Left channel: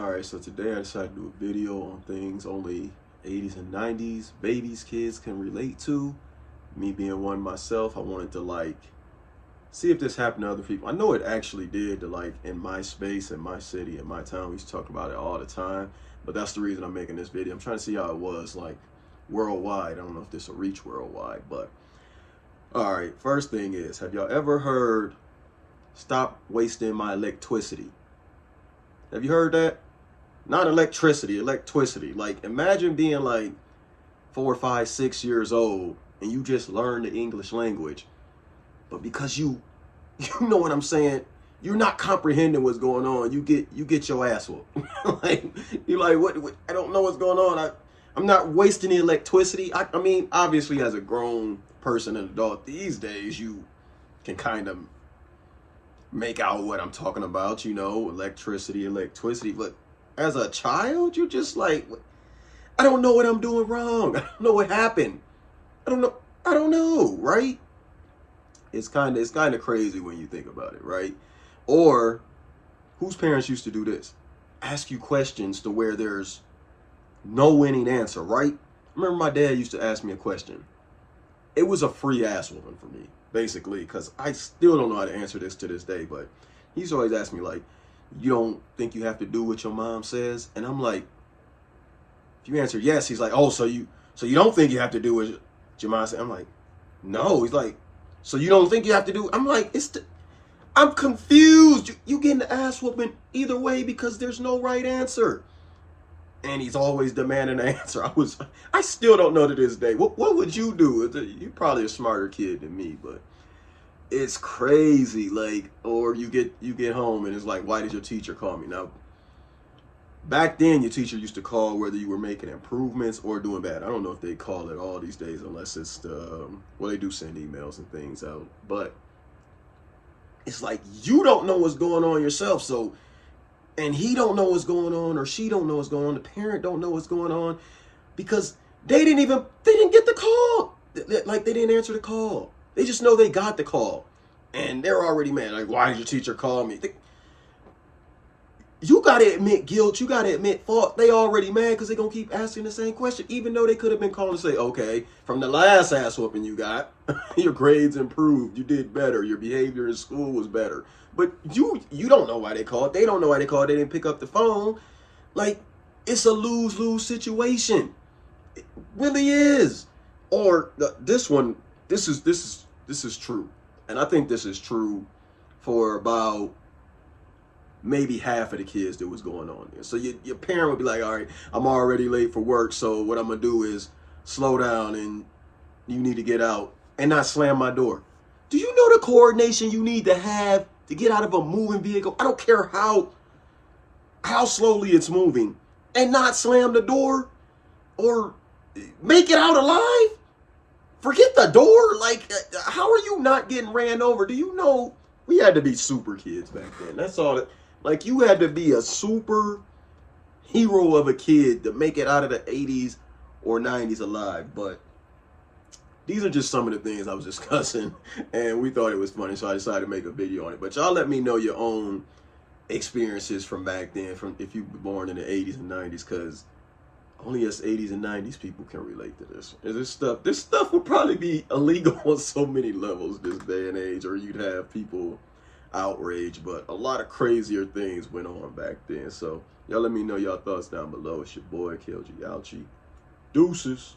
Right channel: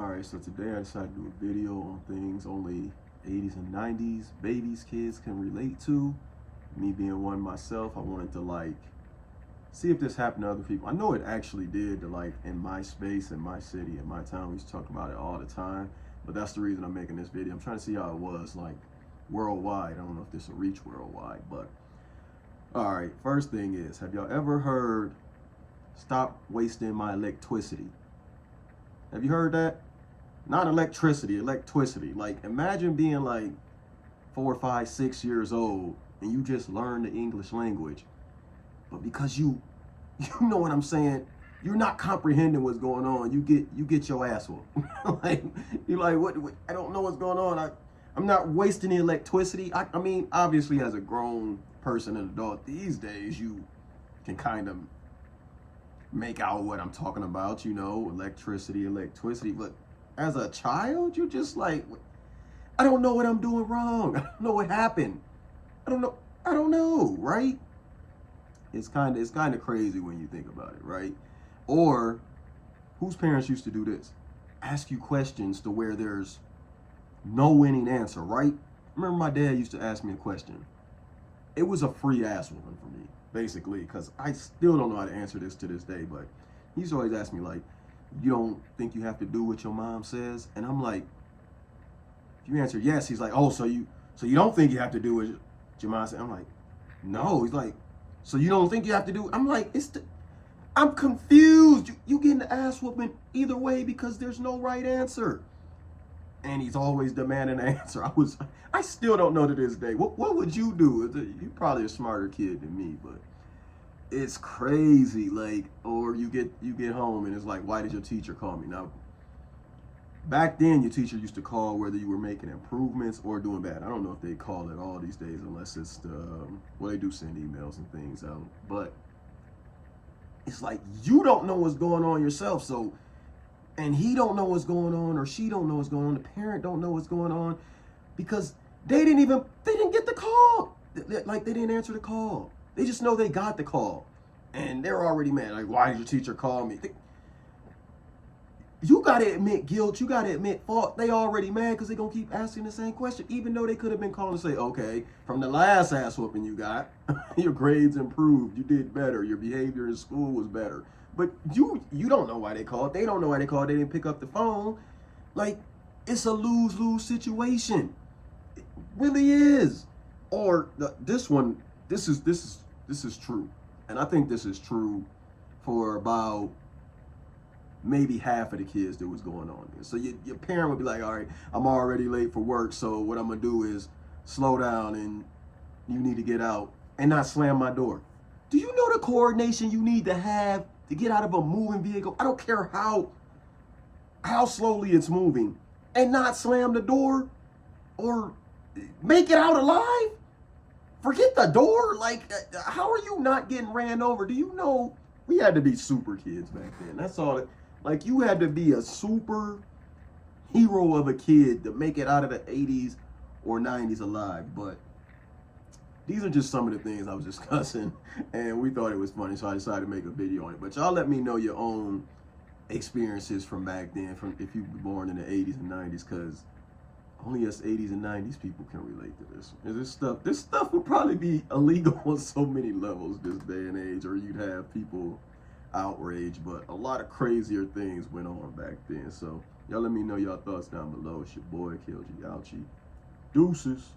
Alright, so today I decided to do a video on things only 80s and 90s babies, kids can relate to. Me being one myself, I wanted to see if this happened to other people. I know it actually did in my space, in my city, in my town. We used to talk about it all the time, but that's the reason I'm making this video. I'm trying to see how it was worldwide. I don't know if this will reach worldwide, but alright, first thing is, have y'all ever heard, "Stop wasting my electricity"? Have you heard that? Not electricity, electricity. Imagine being 4, 5, 6 years old and you just learn the English language, but because you know what I'm saying, you're not comprehending what's going on. You get your ass whooped. You're like, what? I don't know what's going on. I'm not wasting the electricity. I mean, obviously, as a grown person and adult these days, you can kind of make out what I'm talking about, electricity, but as a child, you're just like, I don't know what I'm doing wrong. I don't know what happened. I don't know, right? It's kind of crazy when you think about it, right? Or whose parents used to do this? Ask you questions to where there's no winning answer, right? I remember my dad used to ask me a question. It was a free ass whooping for me, basically, because I still don't know how to answer this to this day, but he's always asked me, you don't think you have to do what your mom says? And I'm like, if you answer yes, he's like, oh, so you don't think you have to do what your mom said? I'm like, no. He's like, so you don't think you have to do? I'm like, I'm confused. You getting the ass whooping either way because there's no right answer. And he's always demanding an answer. I still don't know to this day. What would you do? You're probably a smarter kid than me, but it's crazy. Or you get home and it's like, why did your teacher call me? Now, back then, your teacher used to call whether you were making improvements or doing bad. I don't know if they call it all these days, unless it's they do send emails and things out. But it's like, you don't know what's going on yourself, and he don't know what's going on, or she don't know what's going on. The parent don't know what's going on because they didn't get the call. They didn't answer the call. They just know they got the call, and they're already mad. Why did your teacher call me? You got to admit guilt. You got to admit fault. They already mad because they're going to keep asking the same question, even though they could have been calling to say, okay, from the last ass whooping you got, your grades improved. You did better. Your behavior in school was better. But you don't know why they called. They don't know why they called. They didn't pick up the phone. It's a lose-lose situation. It really is. Or this is true. And I think this is true for about maybe half of the kids that was going on there. So your parent would be like, all right, I'm already late for work, so what I'm gonna do is slow down and you need to get out and not slam my door. Do you know the coordination you need to have to get out of a moving vehicle? I don't care how slowly it's moving, and not slam the door or make it out alive. Forget the door. How are you not getting ran over? Do you know we had to be super kids back then? That's all. You had to be a super hero of a kid to make it out of the 80s or 90s alive. But these are just some of the things I was discussing, and we thought it was funny, so I decided to make a video on it. But y'all let me know your own experiences from back then, from if you were born in the 80s and 90s, because only us 80s and 90s people can relate to this. And this stuff would probably be illegal on so many levels this day and age, or you'd have people outraged, but a lot of crazier things went on back then. So y'all let me know y'all thoughts down below. It's your boy, KLG Ouchie. Deuces.